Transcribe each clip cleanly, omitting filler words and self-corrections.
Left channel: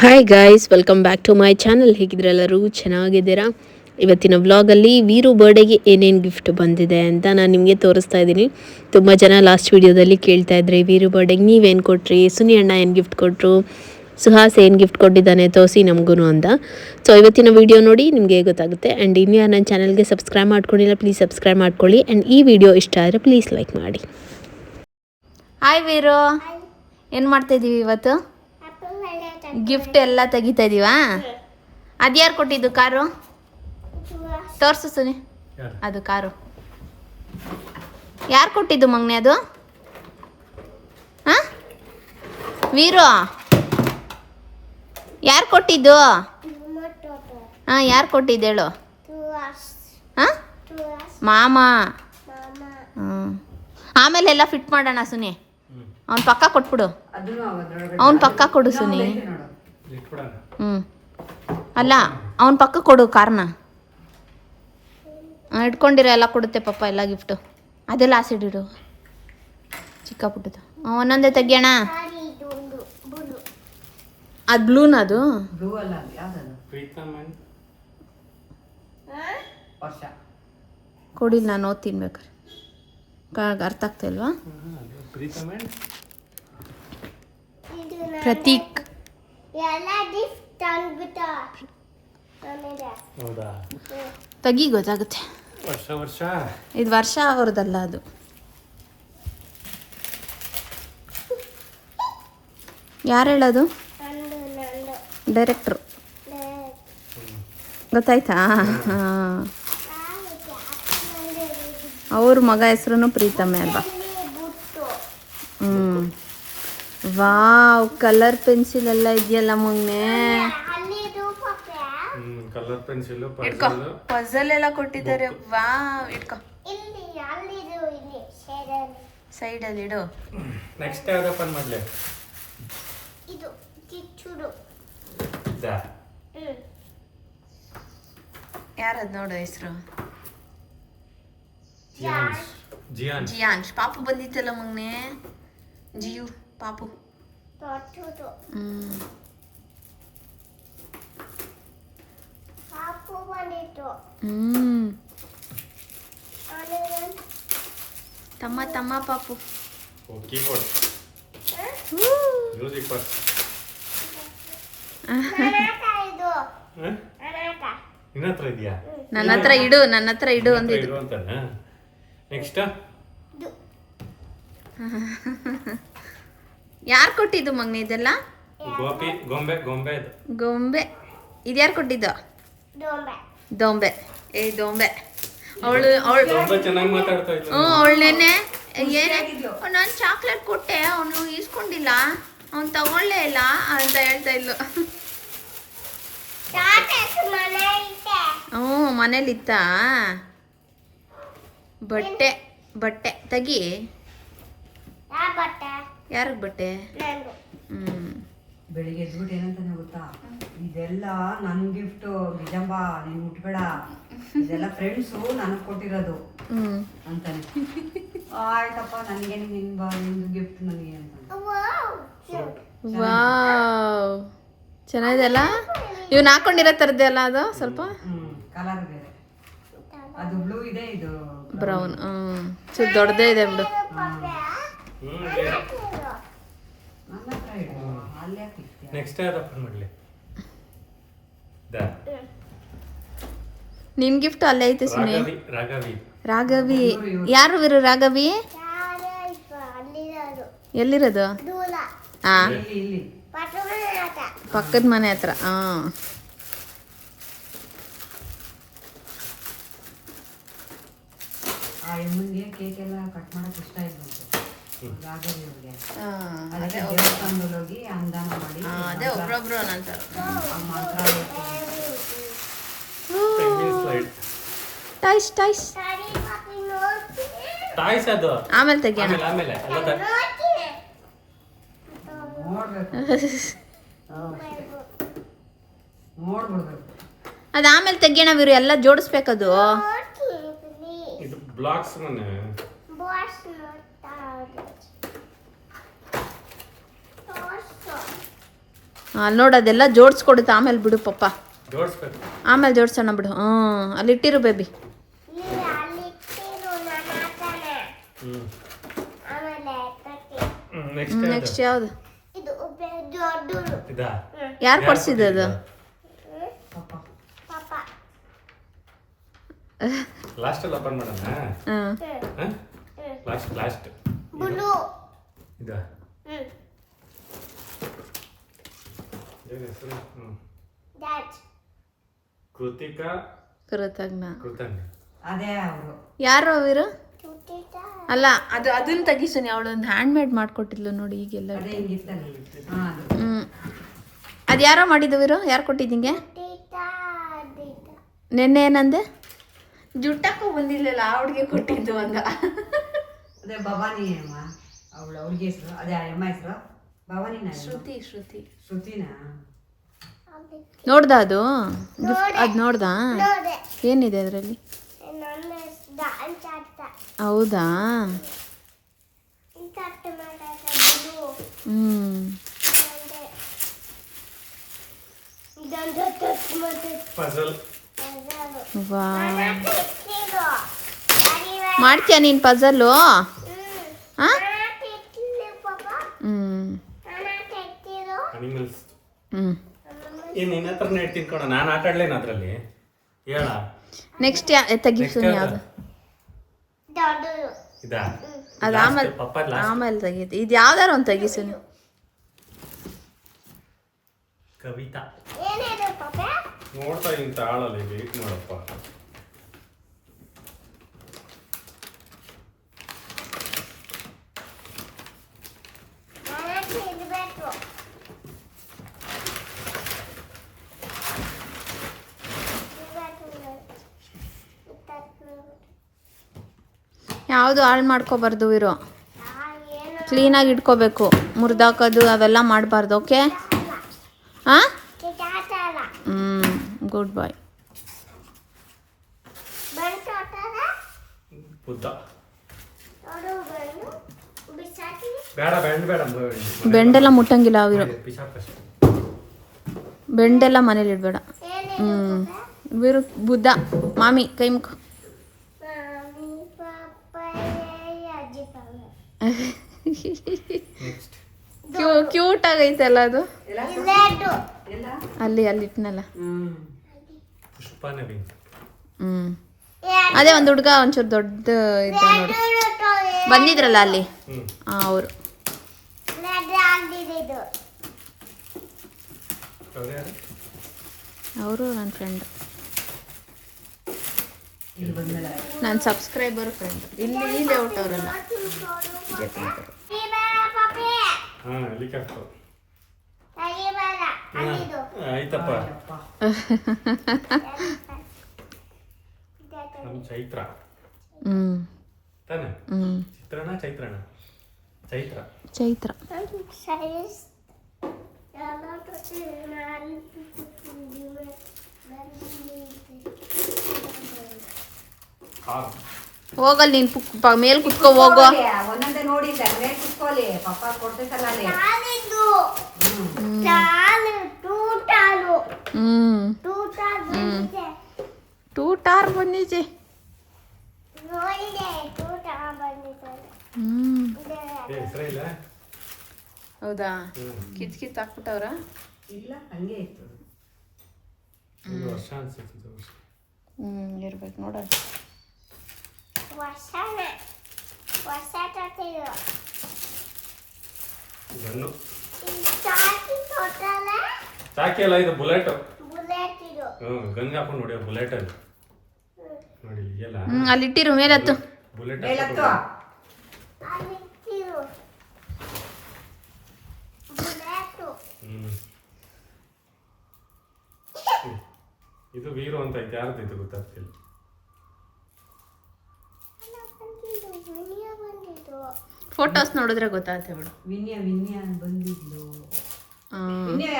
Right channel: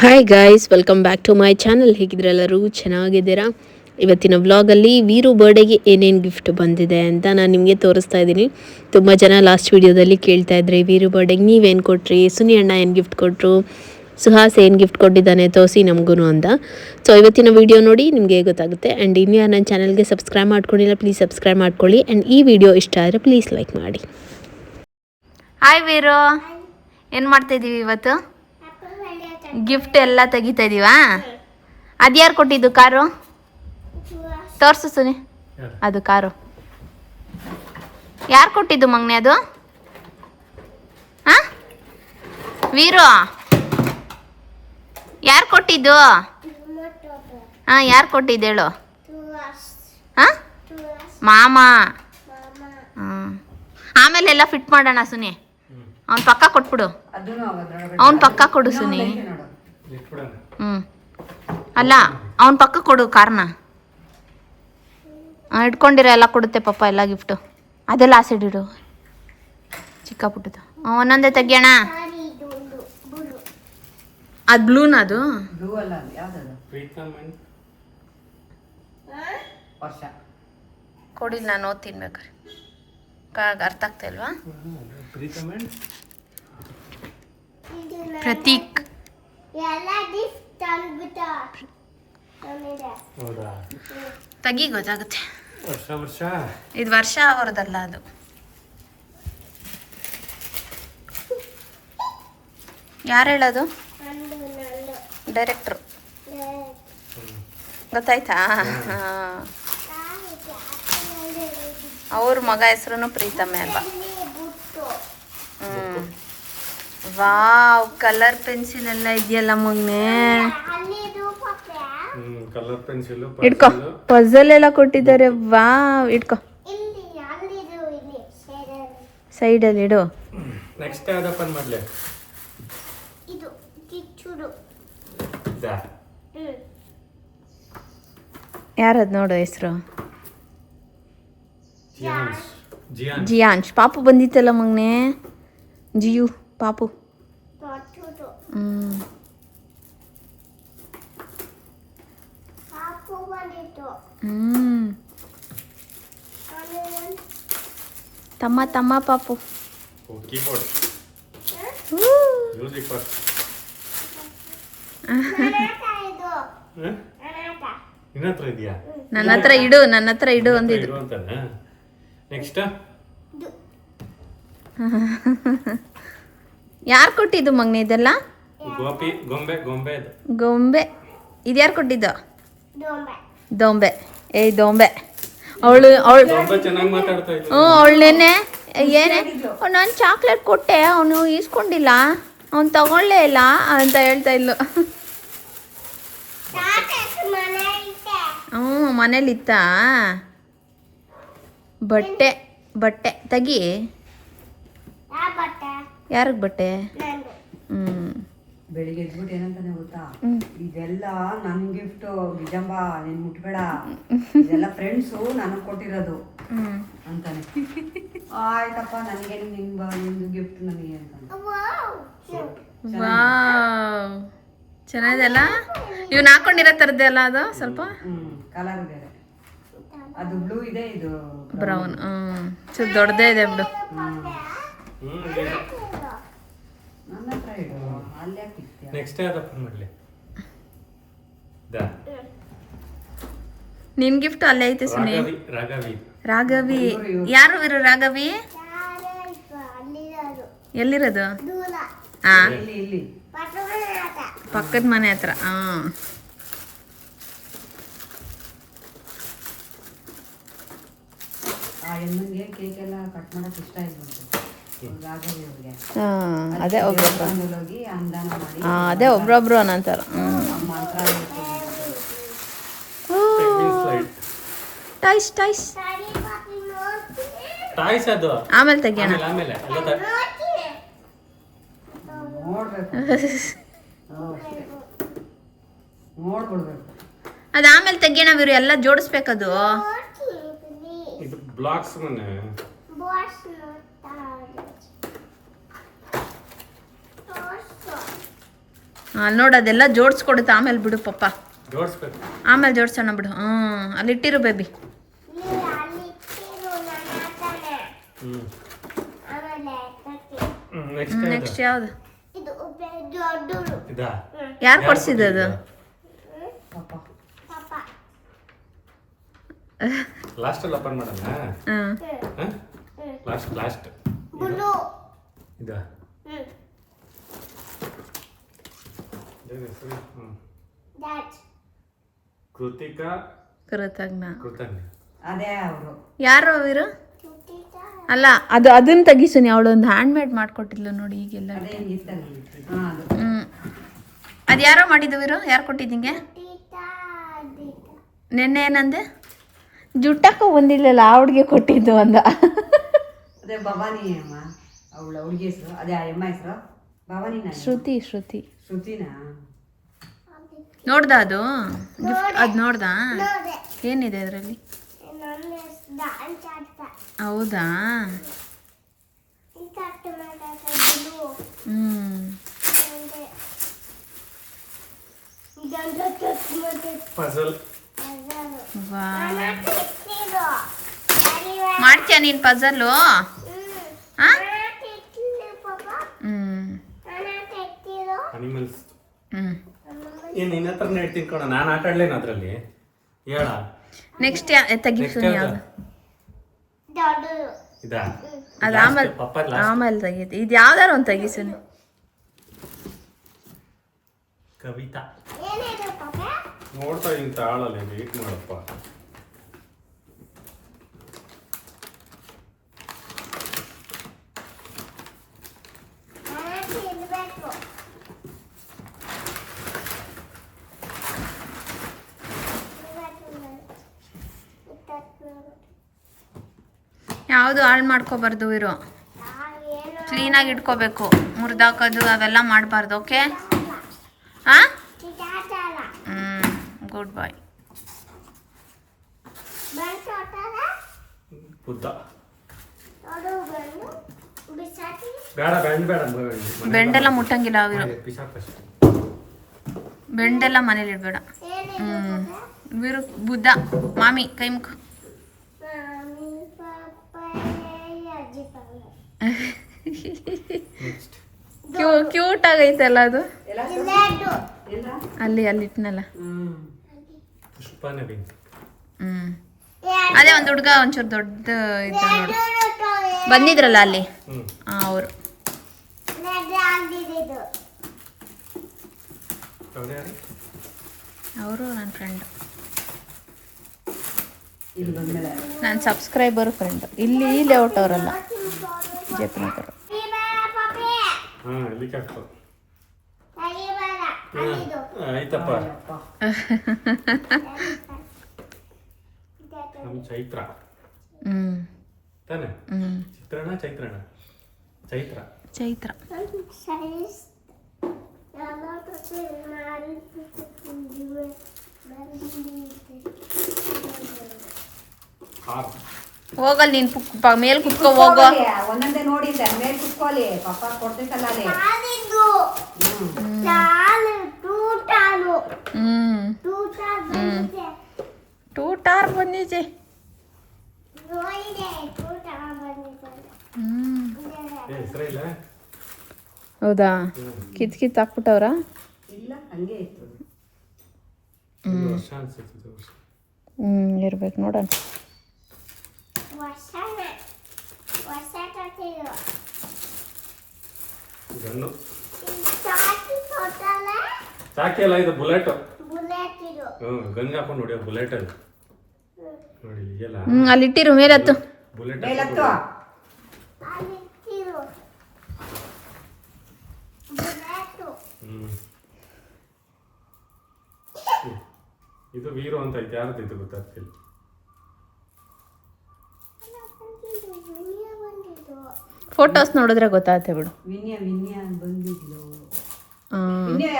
Hi guys, welcome back to my channel. ಹೇಗಿದ್ರೆಲ್ಲರೂ ಚೆನ್ನಾಗಿದ್ದೀರಾ? ಇವತ್ತಿನ ವ್ಲಾಗಲ್ಲಿ ವೀರು ಬರ್ಡೇಗೆ ಏನೇನು ಗಿಫ್ಟ್ ಬಂದಿದೆ ಅಂತ ನಾನು ನಿಮಗೆ ತೋರಿಸ್ತಾ ಇದ್ದೀನಿ. ತುಂಬ ಜನ ಲಾಸ್ಟ್ ವೀಡಿಯೋದಲ್ಲಿ ಕೇಳ್ತಾ ಇದ್ರಿ, ವೀರು ಬರ್ಡೇಗೆ ನೀವೇನು ಕೊಟ್ರಿ, ಸುನಿ ಅಣ್ಣ ಏನು ಗಿಫ್ಟ್ ಕೊಟ್ಟರು, ಸುಹಾಸ್ ಏನು ಗಿಫ್ಟ್ ಕೊಟ್ಟಿದ್ದಾನೆ ತೋರಿಸಿ ನಮಗೂ ಅಂತ. ಸೊ ಇವತ್ತಿನ ವೀಡಿಯೋ ನೋಡಿ ನಿಮಗೆ ಗೊತ್ತಾಗುತ್ತೆ. ಆ್ಯಂಡ್ ಇನ್ನೂ ನನ್ನ ಚಾನಲ್ಗೆ ಸಬ್ಸ್ಕ್ರೈಬ್ ಮಾಡ್ಕೊಂಡಿಲ್ಲ, ಪ್ಲೀಸ್ ಸಬ್ಸ್ಕ್ರೈಬ್ ಮಾಡ್ಕೊಳ್ಳಿ. ಆ್ಯಂಡ್ ಈ ವಿಡಿಯೋ ಇಷ್ಟ ಆದರೆ ಪ್ಲೀಸ್ ಲೈಕ್ ಮಾಡಿ. ಹಾಯ್ ವೀರು, ಏನು ಮಾಡ್ತಾಯಿದ್ದೀವಿ ಇವತ್ತು? ಗಿಫ್ಟ್ ಎಲ್ಲ ತೆಗಿತಾ ಇದೀವಾ? ಅದ್ಯಾರು ಕೊಟ್ಟಿದ್ದು ಕಾರು? ತೋರ್ಸು ಸುನಿ, ಅದು ಕಾರು ಯಾರು ಕೊಟ್ಟಿದ್ದು ಮಗ್ನೆ? ಅದು ಹಾಂ ವೀರು, ಯಾರು ಕೊಟ್ಟಿದ್ದು? ಹಾಂ, ಯಾರು ಕೊಟ್ಟಿದ್ದು ಹೇಳು? ಹಾಂ, ಮಾಮ. ಹ್ಞೂ, ಆಮೇಲೆ ಎಲ್ಲ ಫಿಟ್ ಮಾಡೋಣ ಸುನಿ. ಅವ್ನ ಪಕ್ಕ ಕೊಟ್ಬಿಡು, ಅವನ ಪಕ್ಕ ಕೊಡು ಸುನಿ. ಹ್ಞೂ, ಅಲ್ಲ ಅವನ ಪಕ್ಕ ಕೊಡು ಕಾರ್ನ. ಇಟ್ಕೊಂಡಿರೋ ಎಲ್ಲ ಕೊಡುತ್ತೆ ಪಾಪ ಎಲ್ಲ ಗಿಫ್ಟು. ಅದೆಲ್ಲ ಆಸಿಡ್ ಇಡು, ಚಿಕ್ಕ ಪುಟ್ಟದು. ಒಂದೊಂದೇ ತೆಗಿಯೋಣ. ಅದು ಬ್ಲೂನ? ಅದು ಕೊಡಿಲ್ಲ, ನಾನು ಓದ್ತೀನಿ ಬೇಕಾರೆ. ಅರ್ಥ ಆಗ್ತಾ ಇಲ್ವಾ? ಪ್ರತೀಕ್. ತೆಗಿ, ಗೊತ್ತಾಗುತ್ತೆ. ಇದು ವರ್ಷ ಅವ್ರದ್ದಲ್ಲ, ಅದು ಯಾರು ಹೇಳೋದು? ಡೈರೆಕ್ಟ್ರು. ಗೊತ್ತಾಯ್ತಾ? ಹಾಂ, ಅವ್ರ ಮಗ ಹೆಸರು ಪ್ರೀತಮೆ ಅಲ್ವಾ? ಹ್ಞೂ. ವಾವ್, ಕಲರ್ ಪೆನ್ಸಿಲ್ ಎಲ್ಲ ಇದೆಯಲ್ಲ ಮೊನ್ನೆ. ಕಲರ್ ಪೆನ್ಸಿಲ್ ಇಟ್ಕೋ, ಪಜಲ್ ಎಲ್ಲ ಕೊಟ್ಟಿದ್ದಾರೆ. ವಾವ್, ಇಟ್ಕೋ, ಸೈಡಲ್ಲಿ ಇಡು. ನೆಕ್ಸ್ಟ್ ಯಾವ್ದು ಓಪನ್ ಮಾಡ್ಲಿ? ಯಾರದು ನೋಡು ಹೆಸರು? ಜಿಯಾನ್ಶ್. ಪಾಪು ಬಂದಿತ್ತಲ್ಲ ಮಗ್ನೆ. ಜಿಯು ಪಾಪು. ತಮ್ಮ ತಮ್ಮ ಪಾಪು. Keyboard, music first. ನಿನ್ನ ಹತ್ರ ಇದೆಯಾ? ನನ್ನ ಹತ್ರ ಇಡು, ನನ್ನ ಹತ್ರ ಇಡು ಅಂದಿದ್ದು. ನೆಕ್ಸ್ಟ್ ಯಾರು ಕೊಟ್ಟಿದ್ದು ಮಗ್ನೆ ಇದೆಲ್ಲ? ಗೋಪಿ, ಗೊಂಬೆ. ಗೊಂಬೆ. ಇದು ಯಾರು ಕೊಟ್ಟಿದ್ದು? ದೊಂಬೆ. ಏಯ್ ದೊಂಬೆ. ಅವಳು ಚೆನ್ನಾಗಿ ಮಾತಾಡ್ತಾ ಇದ್ಲು. ಹ್ಞೂ, ಅವಳನ್ನೇನೆ ಏನೇ ನಾನು ಚಾಕ್ಲೇಟ್ ಕೊಟ್ಟೆ, ಅವನು ಈಸ್ಕೊಂಡಿಲ್ಲ, ಅವ್ನು ತಗೊಳ್ಳೇ ಇಲ್ಲ ಅಂತ ಹೇಳ್ತಾ ಇದ್ಲು. ಹ್ಞೂ, ಮನೇಲಿತ್ತ. ಬಟ್ಟೆ ತೆಗಿ. ಯಾರಿಗೆ ಬಟ್ಟೆ? ಬೆಳಿಗ್ಗೆ ಎದ್ಬಿಟ್ಟು ಏನಂತಾನೆ ಗೊತ್ತಾ, ಇದೆಲ್ಲ ನನ್ ಗಿಫ್ಟ್, ನಿಜಂಬ ನೀನ್ ಮುಟ್ಬೇಡ, ಇದೆಲ್ಲ ಫ್ರೆಂಡ್ಸು ನನಗೆ ಕೊಟ್ಟಿರೋದು ಅಂತಾನೆ. ಆಯ್ತಪ್ಪ, ನನ್ಗೇನು ನಿಂದು ಗಿಫ್ಟ್ ನನಗೆ ಅಂತ. ವಾವ್, ಚೆನ್ನಾಗಿದೆಲ್ಲ. ಇವ್ನು ಹಾಕೊಂಡಿರೋ ಥರದ್ದೇ ಅಲ್ಲ ಅದು? ಸ್ವಲ್ಪ ಕಲರ್ ಬೇರೆ, ಅದು ಬ್ಲೂ ಇದೆ, ಇದು ಬ್ರೌನ್. ಚೂರು ದೊಡ್ಡದೇ ಇದೆ ಬಿಡು. ನನ್ನ ಹತ್ರ ಇಡು, ಅಲ್ಲೇ ಪಿಕ್ತಿ. ನೆಕ್ಸ್ಟ್ ಯಾವ್ದು ಓಪನ್ ಮಾಡ್ಲಿ? ನಿನ್ ಗಿಫ್ಟ್ ಅಲ್ಲೇ ಐತೆ ಸುನಿ. ರಾಘವಿ. ಯಾರು ವೀರು? ರಾಘವಿ ಎಲ್ಲಿರೋದು? ಹಾಂ, ಇಲ್ಲಿ ಪಕ್ಕದ ಮನೆ ಹತ್ರ. ಹಾಂ, ಆ ಹೆಣ್ಣಿಗೆ ಕೇಕ್ ಎಲ್ಲ ಕಟ್ ಮಾಡಕ್ ಇಷ್ಟ ಇಲ್ಲ. ಅದೇ ಹೋಗಿ ಅಂದಾನ ಮಾಡಿ, ಅದೇ ಒಬ್ರೊಬ್ರು ಅನ್ನಂತಾರ. ಟಾಯ್ಸ್ ಟಾಯ್ಸ್ ಟಾಯ್ಸ್ ಅದು ಆಮೇಲೆ ತೆಗಿಯೋಣ. ಆಮೇಲೆ ನೋಡ್ಬಿಡ್ಬೇಕು. ಅದು ಆಮೇಲೆ ತೆಗಿಯೋಣ ವೀರು, ಎಲ್ಲ ಜೋಡಿಸ್ಬೇಕದು. ಇದು ಬ್ಲಾಕ್ಸ್ ಮನೆ. ಅಲ್ಲಿ ನೋಡು ಅದೆಲ್ಲ ಜೋಡಿಸ್ಕೊಡುತ್ತೆ ಆಮೇಲೆ ಬಿಡು ಪಪ್ಪ, ಜೋಡಿಸ್ಬೇಕು. ಆಮೇಲೆ ಜೋಡ್ಸೋಣ ಬಿಡು. ಅಲ್ಲಿ ಇಟ್ಟಿರು ಬೇಬಿ. ಹ್ಮ್ ನೆಕ್ಸ್ಟ್ ಯಾವುದು? ಇದಾ? ಯಾರು ಕೊಡ್ಸಿದ್ದು ಅದು? ಲಾಸ್ಟ್ ಅಲ್ಲಿ ಓಪನ್ ಮಾಡೋಣ. ಹ್ಮ್ ಲಾಸ್ಟ್ ಇದಾ? ಏನ್ ಹೆಸರು? ಕೃತಿಕಾ ಕೃತಜ್ಞ. ಕೃತಜ್ಞ. ಅದೇ ಅವರು ಯಾರು ಅವಿರು? ಅಲ್ಲ ಅದು ಅದನ್ನ ತೆಗಿಸೀನಿ. ಅವಳು ಒಂದು ಹ್ಯಾಂಡ್ ಮೇಡ್ ಮಾಡ್ಕೊಟ್ಟಿದ್ಲು ನೋಡಿ ಈಗೆಲ್ಲ. ಅದೇ ಹಿಂಗಿತ್ತಲ್ಲ. ಅದು ಯಾರೋ ಮಾಡಿದವಿರು? ಯಾರು ಕೊಟ್ಟಿದ್ದಿಂಗೆ? ನೆನ್ನೆ ಏನಂದೆ? ಜುಟ್ಟಕ್ಕೂ ಬಂದಿಲ್ಲಲ್ಲ ಆ ಹುಡ್ಗೆ ಕೊಟ್ಟಿದ್ದು ಅಂದ. ಅದೇ ಭವಾನಿ ಅಮ್ಮ, ಅವಳು ಹುಡುಗಿ ಹೆಸರು. ಅದೇ ಆ ಅಮ್ಮ ಹೆಸರು ಭವಾನಿನ? ಶ್ರುತಿ. ಶ್ರುತಿನಾ? ನೋಡ್ದ ಅದು? ಅದು ನೋಡ್ದ? ಏನಿದೆ ಅದರಲ್ಲಿ? ಹೌದಾ? ಪಜಲ್. ಮಾಡ್ತೀಯ ನೀನ್ ಪಜಲ್ಲು? ಅನಿಮಲ್ಸ್. ಏನ್ ನಿನ್ನ ಹತ್ರ ಹೇಳ್ತೀನಿ ಕಣ, ನಾನು ಆಟ ಆಡ್ಲೇನ ಅದ್ರಲ್ಲಿ? ಹೇಳ. ನೆಕ್ಸ್ಟ್ ತೆಗಿಸು ಯಾವ್ದು? ಇದಾ? ಅದು ಆಮೇಲೆ ಪಪ್ಪ ಆಮೇಲೆ ತೆಗೀತಿ. ಇದು ಯಾವ್ದಾರು ಒಂದು ತೆಗಿಸು ನೀವು. ಕವಿತಾ. ನೋಡ್ತಾ ಇಂತ ಆಳಲ್ಲಿ ವೇಟ್ ಮಾಡಪ್ಪ. ಯಾವುದು ಹಾಳು ಮಾಡ್ಕೋಬಾರ್ದು ಇರೋ, ಕ್ಲೀನಾಗಿ ಇಟ್ಕೋಬೇಕು. ಮುರಿದಾಕೋದು ಅವೆಲ್ಲ ಮಾಡಬಾರ್ದು. ಓಕೆ? ಹಾಂ, ಗುಡ್ ಬಾಯ್. ಬುದ್ಧ ಬೇಡ, ಬೇಡ. ಬೆಂಡೆಲ್ಲ ಮುಟ್ಟಂಗಿಲ್ಲ ಅವಿರೋ. ಪಿಶಾಪಶ್. ಬೆಂಡೆಲ್ಲ ಮನೇಲಿ ಇಡಬೇಡ. ಇವರು ಬುದ್ಧ. ಮಾಮಿ ಕೈ ಮುಖ. ಕ್ಯೂಟ್ ಆಗೈತಲ್ಲ ಅದು. ಅಲ್ಲಿ ಇಟ್ನಲ್ಲ. ಪುಷ್ಪ ನವೀನ್. ಅದೇ ಒಂದು ಹುಡುಗ ಒಂಚೂರು ದೊಡ್ಡ ಇದ್ದ ನೋಡು, ಬಂದಿದ್ರಲ್ಲ ಅಲ್ಲಿ, ಅವರು. ಅವರು ನನ್ನ ಫ್ರೆಂಡ್, ನನ್ನ ಸಬ್ಸ್ಕ್ರೈಬರ್ ಫ್ರೆಂಡ್. ಇಲ್ಲಿ ಲೇಔಟ್ ಅವರಲ್ಲ, ಜಯಪುರಕರು. ಆಯ್ತಪ್ಪ. ಚೈತ್ರ ತಾನೆ? ಚೈತ್ರ. ಹೋಗಲ್ ನೀನ್ ಮೇಲ್ ಕುತ್ಕೋ ಹೋಗೋ. ಒಂದೊಂದೇ ನೋಡಿದ್ದೆ ಮೇಲೆ ಕುತ್ಕೊಳ್ಳಿ, ಪಪ್ಪ ಕೊಡ್ತೈತಲ್ಲ ಅಲ್ಲಿ. ಟೂಟಾರ್ ಬಂದಿದೆ. ಹೌದಾ? ಕಿತ್ ಹಾಕ್ಬಿಟ್ಟವ್ರ? ಇಲ್ಲ, ಹಂಗೆ ಇತ್ತು. ಇರ್ಬೇಕು ನೋಡೋಣ. ಚಾಕಿ ಅಲ್ಲ ಇದು, ಬುಲೆಟ್. ಗಂಗ ಹಾಕೊಂಡು ನೋಡಿ, ಬುಲೆಟ್ ಅದು ನೋಡಿ. ಅಲ್ಲಿ ಇಟ್ಟಿರು, ಮೇಲೆ ಹತ್ತು. ಬುಲೆಟ್ ಇದು ವೀರು ಅಂತ ಐತೆ. ಯಾರದೈತೆ ಗೊತ್ತಾಗ್ತಿಲ್ಲ. ಫೋಟೋಸ್ ನೋಡಿದ್ರೆ ಗೊತ್ತಾಗುತ್ತೆ ಬಿಡು. ವಿನ್ಯ ಬಂದಿದ್ಲು.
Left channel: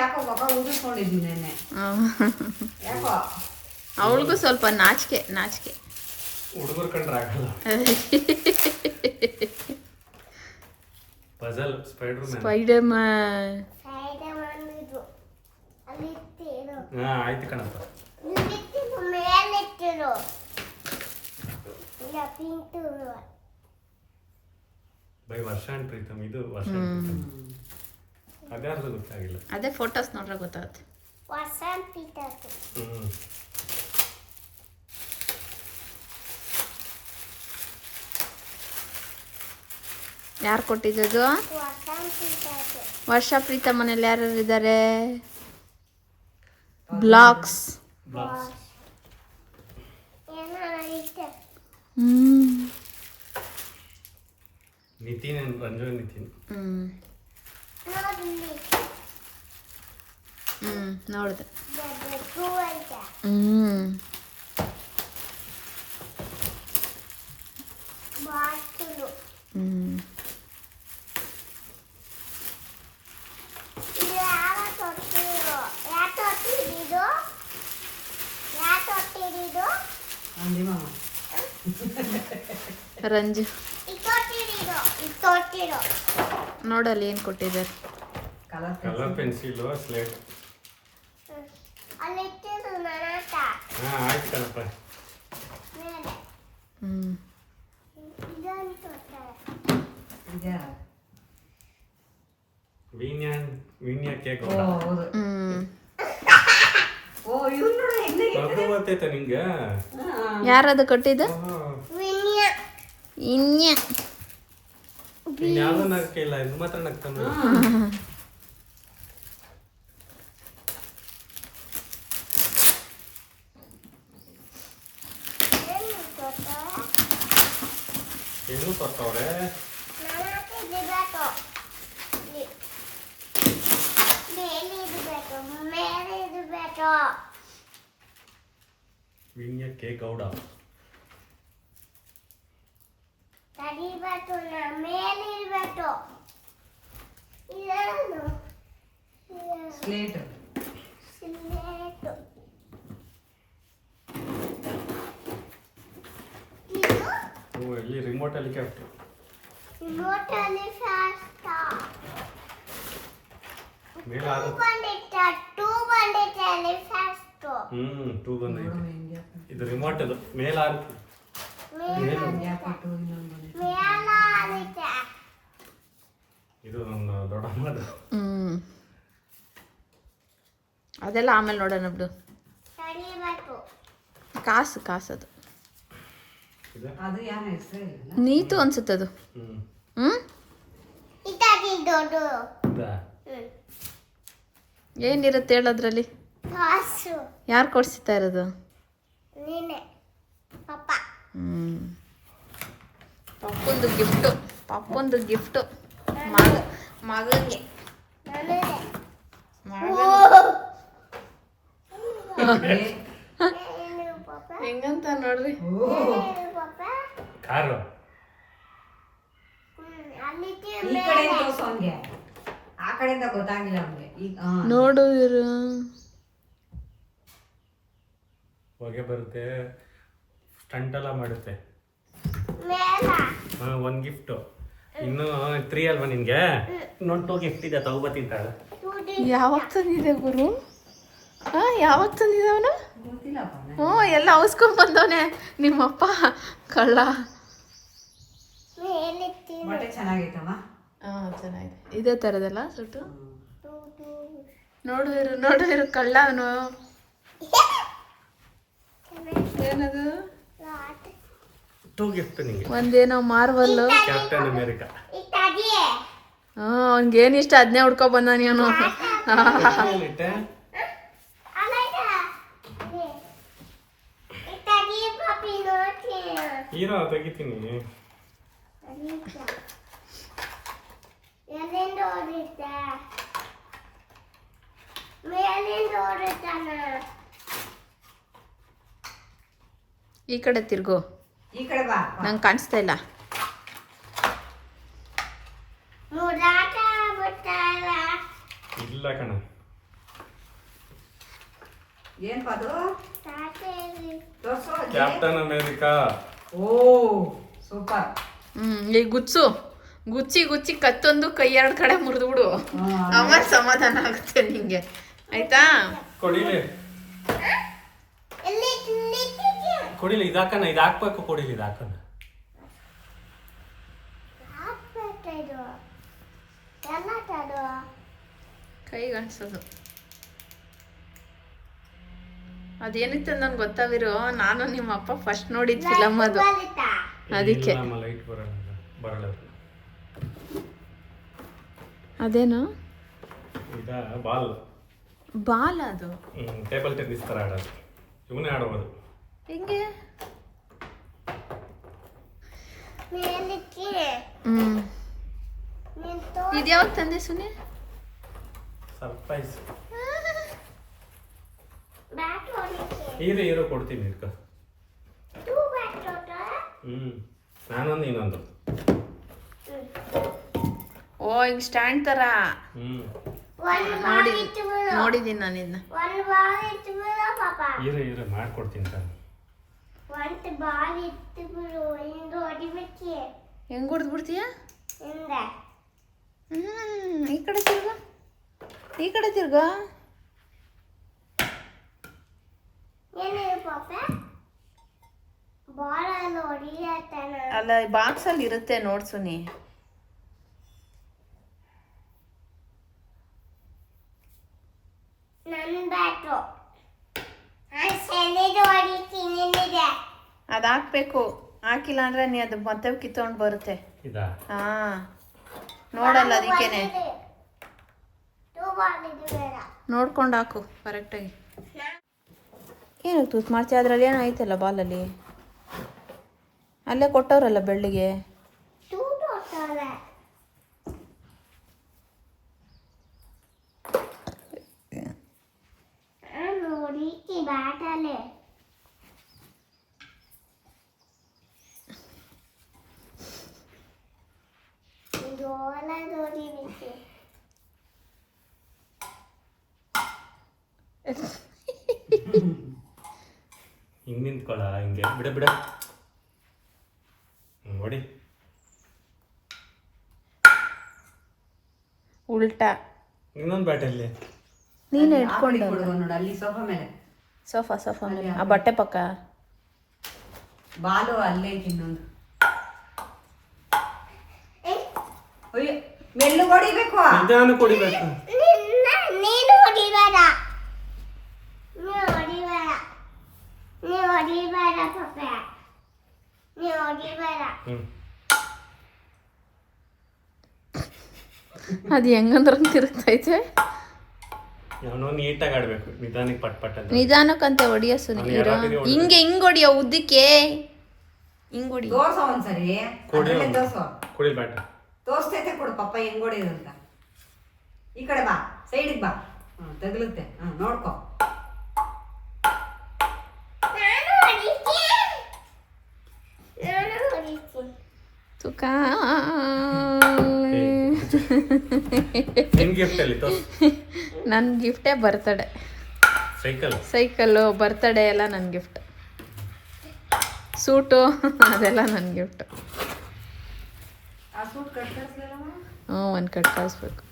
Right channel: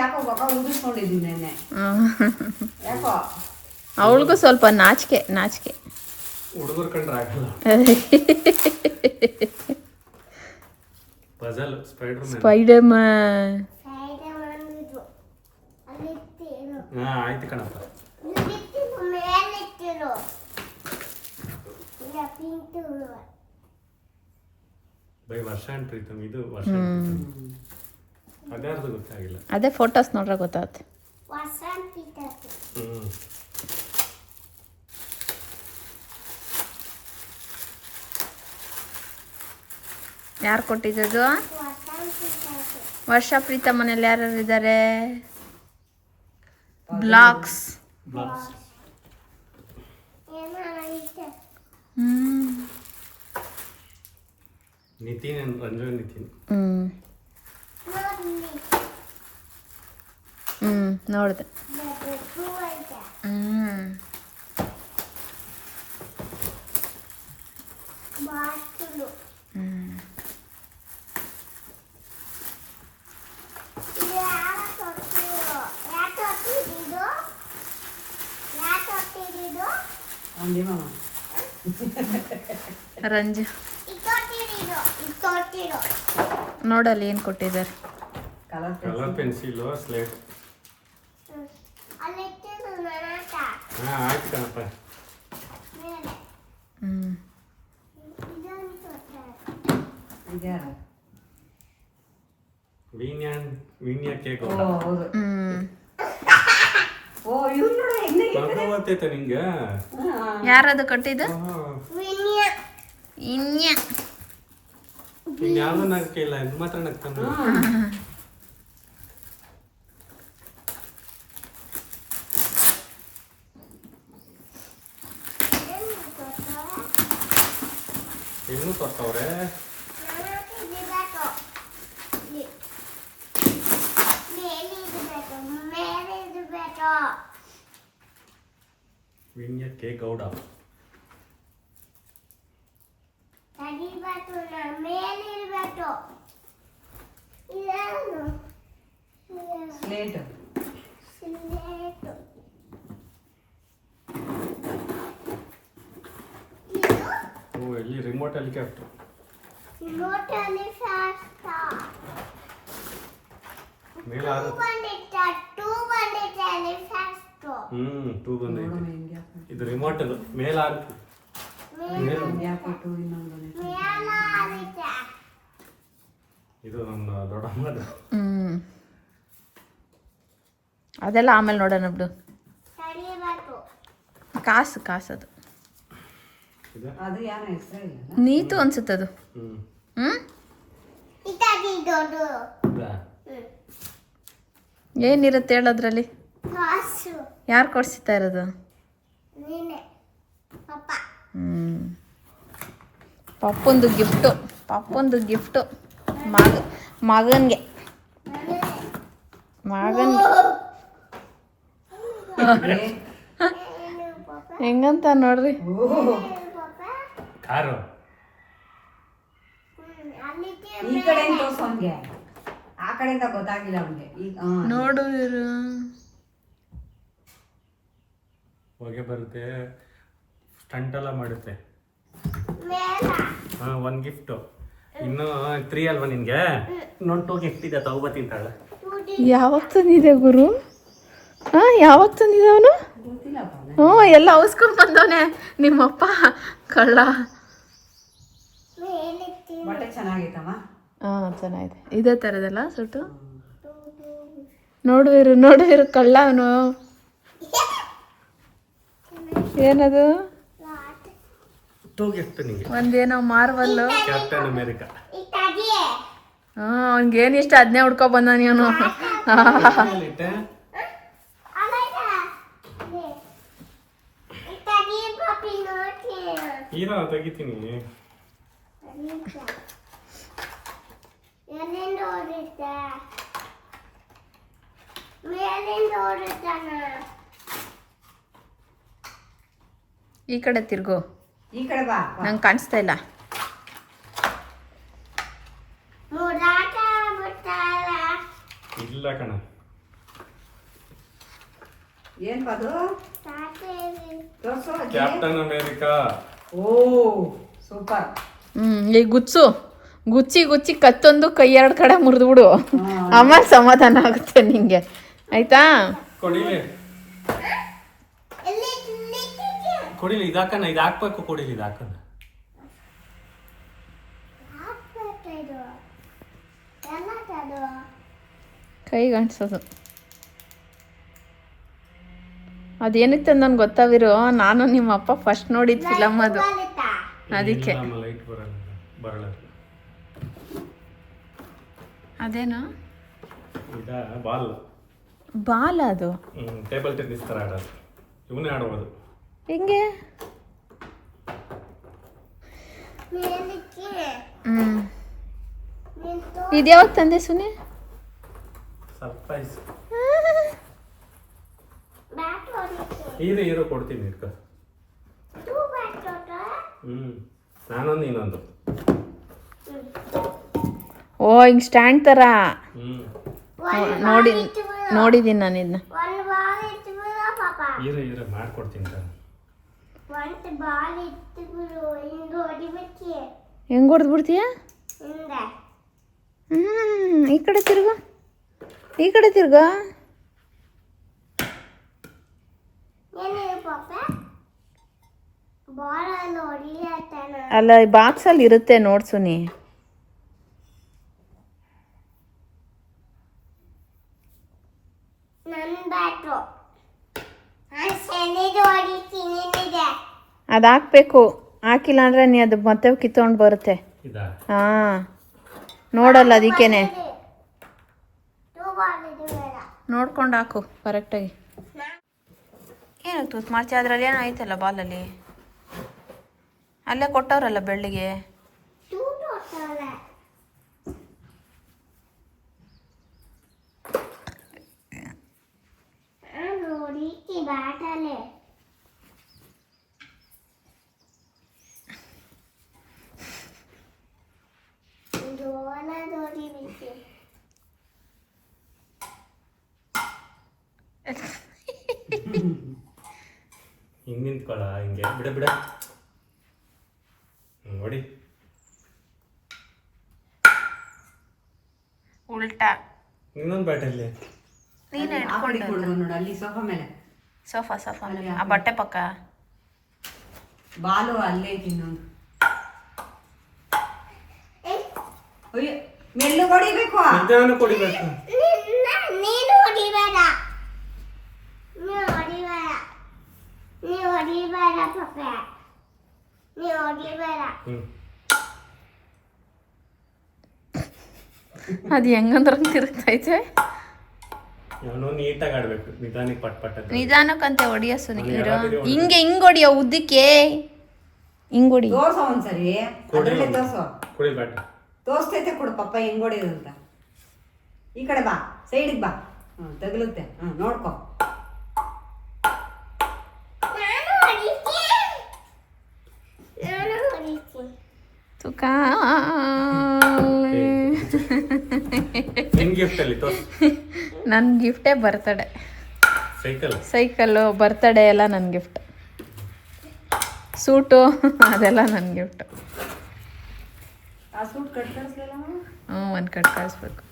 ಯಾಕೋ ಪಪ್ಪ ಊದಿಸ್ಕೊಂಡಿದ್ವಿ ನೆನ್ನೆ. ಯಾಕೋ ಅವಳಿಗೂ ಸ್ವಲ್ಪ ನಾಚಿಕೆ. ಹುಡುಗರು ಕಂಡ್ರೆ ಆಗಲ್ಲ. Spider man. ಹಾ ಆಯ್ತು ಕಣಪ್ಪ. ಬೈ ವರ್ಷ ಅಂಡ್ ಪ್ರೀತಮ್, ಇದು ವರ್ಷ ಅದ್ಯಾರ್ದು ಗೊತ್ತಾಗಿಲ್ಲ. ಅದೇ ಫೋಟೋಸ್ ನೋಡ್ರೆ ಗೊತ್ತಾಯ್ತು. ಹ್ಮ್ ಯಾರು ಕೊಟ್ಟಿದ್ದು? ವರ್ಷ ಪ್ರೀತಮ್ ಮನೇಲಿ ಯಾರ್ಯಾರು ಇದ್ದಾರೆ? ಬ್ಲಾಗ್ಸ್. ಬ್ಲಾಗ್ಸ್. ನಿತಿನ್, ರಂಜನ್ ನಿತಿನ್. ನೋಡಿದೆ. ರಂಜು ನೋಡಲ್ಲಿ ಏನು ಕೊಟ್ಟಿದ್ದಾರೆ? Colour pencil, slate. ಹಾ ಆಯ್ತು ಕಣಪ್ಪ. ವೀಣ್ಯ ಕೇಕ್ ಮಗು ಗೊತ್ತೈತ ನಿಂಗೆ? ಯಾರದು ಕೊಟ್ಟಿದ್ದು? ಯಾವ್ದು ನಗ್ತಿಲ್ಲ, ಇದು ಮಾತ್ರ ನಗ್ತಾನೆ. ಏನು ಕೊಡ್ತಾವ್ರೆ? ವಿನ್ಯ ಕೆ ಗೌಡ. ಸ್ಲೇಟ್. ಓ ಇಲ್ಲಿ ರಿಮೋಟ್ ಹೆಲಿಕಾಪ್ಟರ್. ಮೇಲೆ ಟೂ ಬಂದೈತೆ. ಇದು ರಿಮೋಟ್, ಅದು ಮೇಲೆ ಆಗುತ್ತೆ. ಇದು ನನ್ನ ದೊಡ್ಡಮ್ಮದು. ಅದೆಲ್ಲ ಆಮೇಲೆ ನೋಡೋಣ ಬಿಡು. ಕಾಸು ಅದು ಅದು ಯಾರ ಹೆಸರು? ನೀತು ಅನ್ಸುತ್ತದು. ಏನಿರುತ್ತೆ ಹೇಳೋದ್ರಲ್ಲಿ? ಯಾರು ಕೊಡ್ಸಿತಾ ಇರೋದು? ಪಪ್ಪೊಂದು ಗಿಫ್ಟು ಮಗನ್ಗೆ ಹೆಂಗಂತ ನೋಡ್ರಿ. ಕಾರು ಈ ಕಡೆ ತೋರ್ಸು ಅವ್ನಿಗೆ. ಆ ಕಡೆಯಿಂದ ಗೊತ್ತಾಗಿಲ್ಲ ಅವ್ನಿಗೆ. ಈಗ ನೋಡು ಇವರು ಹೊಗೆ ಬರುತ್ತೆ, ಸ್ಟಂಟ್ ಎಲ್ಲ ಮಾಡುತ್ತೆ. ಒಂದು ಗಿಫ್ಟು, ಇನ್ನು 3 ಅಲ್ವಾ ನಿನ್ಗೆ? ಇನ್ನೊಂದು 2 ಗಿಫ್ಟ್ ಇದೆ, ತಗೋಬತ್ತಿಂತಾಳೆ. ಯಾವಾಗ ತಂದಿದೆ ಗುರು? ಯಾವಾಗ ತಂದಿದೆ ಅವನು? ಗೊತ್ತಿಲ್ಲಪ್ಪ. ಎಲ್ಲ ಅವಸ್ಕೊಂಡ್ ಬಂದವನೆ ನಿಮ್ಮಪ್ಪ ಕಳ್ಳ. ಬಟ್ಟೆ ಚೆನ್ನಾಗೈತಮ್ಮ. ಚೆನ್ನಾಗಿದೆ. ಇದೇ ಥರದಲ್ಲ ಸುಟ್ಟು. ನೋಡುವಿರು ಕಳ್ಳ ಅವನು. ಏನದು? 2 ಗಿಫ್ಟ್ ನಿಂಗೆ. ಒಂದೇನೋ ಮಾರ್ವಲ್ಲು, ಕ್ಯಾಪ್ಟನ್ ಅಮೇರಿಕಾ. ಅವ್ನಿಗೇನು ಇಷ್ಟ ಅದನ್ನೇ ಹುಡ್ಕೊ ಬಂದ ನೀನು. ಹೀರೋ ತೆಗಿತೀನಿ. ಈ ಕಡೆ ತಿರ್ಗು, ಈ ಕಡೆ ಬಾ. ನಂಗೆ ಕಾಣಿಸ್ತಾ ಇಲ್ಲ. ಇಲ್ಲ ಕಣ. ಏನ್ ಪದು? ತೋರ್ಸು. Captain America. ಓ ಸೂಪರ್. ಈ ಗುಚ್ಚಿ ಕತ್ತೊಂದು ಕೈ 2 ಕಡೆ ಮುರಿದ್ಬಿಡು, ಆಮೇಲೆ ಸಮಾಧಾನ ಆಗುತ್ತೆ ನಿಂಗೆ. ಆಯ್ತಾ? ಕೊಡಿಲಿ ಕೊಡಿಲಿ ಇದು ಹಾಕಣ, ಇದು ಹಾಕ್ಬೇಕು. ಕೊಡಿಲಿ ಇದು ಹಾಕಣ. ಕೈಗೆ ಅನ್ಸೋದು ಅದೇನಿತ್ತು ನನ್ಗೆ ಗೊತ್ತಾವಿರೋ. ನಾನು ನಿಮ್ಮ ಅಪ್ಪ ಫಸ್ಟ್ ನೋಡಿದ ಫಿಲಮ್ ಅದು, ಅದಕ್ಕೆ. ಲೈಟ್ ಬರಲ್ಲ. ಅದೇನು ಇದ ಬಾಲ್ ಬಾಲ್ ಅದು? ಟೇಬಲ್ ಟೆನ್ನಿಸ್ ಥರ ಆಡೋದು. ಇವನೇ ಆಡ್ಬೋದು. ಹಿಂಗೆ ಇದ್ಯಾವಾಗ ತಂದೆ ಸುನಿ? ಸರ್ಪ್ರೈಸ್. ಹೀರೋ ಕೊಡ್ತೀನಿ ಇಟ್ಕೊ. ನಾನೊಂದು ಇನ್ನೊಂದು. ಓ ಹಿಂಗ್ ಸ್ಟ್ಯಾಂಡ್ ತರ. ನೋಡಿದ್ದೀನಿ ನಾನು ಇದನ್ನ. ಹೀರೋ ಮಾಡ್ಕೊಡ್ತೀನಿ ತಾನೆ. ಹೆಂಗ್ ಹೊಡೆದು ಬಿಡ್ತೀಯ? ಈ ಕಡೆ ತಿರ್ಗು, ಈ ಕಡೆ ತಿರ್ಗ. ಅಲ್ಲ ಬಾಕ್ಸ್ ಅಲ್ಲಿ ಇರುತ್ತೆ ನೋಡ್ಸುನಿ. ಅದು ಹಾಕ್ಬೇಕು, ಹಾಕಿಲ್ಲ ಅಂದ್ರೆ ನೀ ಅದು ಮತ್ತೆ ಕಿತ್ಕೊಂಡು ಬರುತ್ತೆ. ಹಾ ನೋಡಲ್ಲ, ಅದಕ್ಕೇನೆ ನೋಡ್ಕೊಂಡು ಹಾಕು ಕರೆಕ್ಟಾಗಿ. ಏನು ತೂತ್ ಮಾಡ್ತೀಯ? ಅದರಲ್ಲಿ ಏನೋ ಐತಲ್ಲ ಬಾಲಲ್ಲಿ, ಅಲ್ಲೇ ಕೊಟ್ಟವ್ರಲ್ಲ ಬೆಳ್ಳಿಗೆ. ಹಿಂಗೆ ನಿಂತ್ಕೊಳ್ಳ, ಹಿಂಗೆ ಬಿಡ ನೋಡಿ. ಉಲ್ಟಾ ಇನ್ನೊಂದು ಬ್ಯಾಟಲ್ಲಿ ನೀನು ಇಟ್ಕೊಂಡು ನೋಡು ಅಲ್ಲಿ ಸೋಫಾ ಮೇಲೆ. ಸೋಫಾ ಮೇಲೆ ಆ ಬಟ್ಟೆ ಪಕ್ಕ ಬಾಲು ಅಲ್ಲೇ ಐತಿ ಇನ್ನೊಂದು. ಮೆಲ್ಲು ಹೊಡಿಬೇಕು, ನಿಧಾನ ಕೊಡಿಬೇಕು. ನೀನು ಹೊಡಿಬೇಡ ಪಾಪ, ನೀ ಹೊಡಿಬೇಡ. ಅದು ಹೆಂಗಂದ್ರೆ ತಿರುಗ್ತೈತೆ. ನೀಟಾಗಿ ಆಡ್ಬೇಕು, ನಿಧಾನಕ್ಕೆ ಪಟ್ ಅಂತ. ನಿಧಾನಕ್ಕಂತೆ ಹೊಡಿಯ ಸುನೀರು. ಹಿಂಗೆ ಹೊಡಿಯೋ ಉದ್ದಕ್ಕೆ ಹಿಂಗ್ ಹೊಡಿ. ತೋರ್ಸೋ ಒಂದ್ಸರಿ. ಕೊಡಿ ಬ್ಯಾಟ ತೋರ್ಸ್ತೈತೆ ಕೊಡು ಪಪ್ಪ ಹೆಂಗ್ ಹೊಡಿಯೋದು ಅಂತ. ಈ ಕಡೆ ಬಾ, ಸೈಡಿಗೆ ಬಾ. ತಗಲುತ್ತೆ. ನೋಡ್ಕೊ. ತುಕಾ ನನ್ನ ಗಿಫ್ಟೇ ಬರ್ತಡೆ. ಸೈಕಲ್ಲು ಬರ್ತಡೇ ಎಲ್ಲ ನನ್ನ ಗಿಫ್ಟ್. ಸೂಟು ಅದೆಲ್ಲ ನನ್ನ ಗಿಫ್ಟ್. ಒಂದು ಕಟ್ ಕಳಿಸ್ಬೇಕು.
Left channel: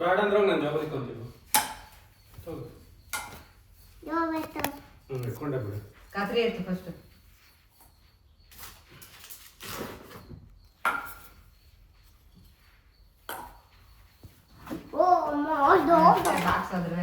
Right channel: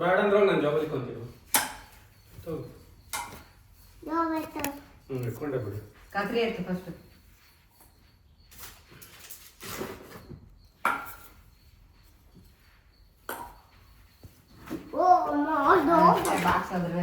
ಬೇಡ ಅಂದ್ರೆ ನಾನು ಜಾಬ್ ಇಟ್ಕೊಂತೀನಿ. ಇಟ್ಕೊಂಡೆ ಬಿಡು. ಕತ್ರಿ ಐತಿ ಫಸ್ಟ್. ಬಾಕ್ಸ್ ಆದ್ರೆ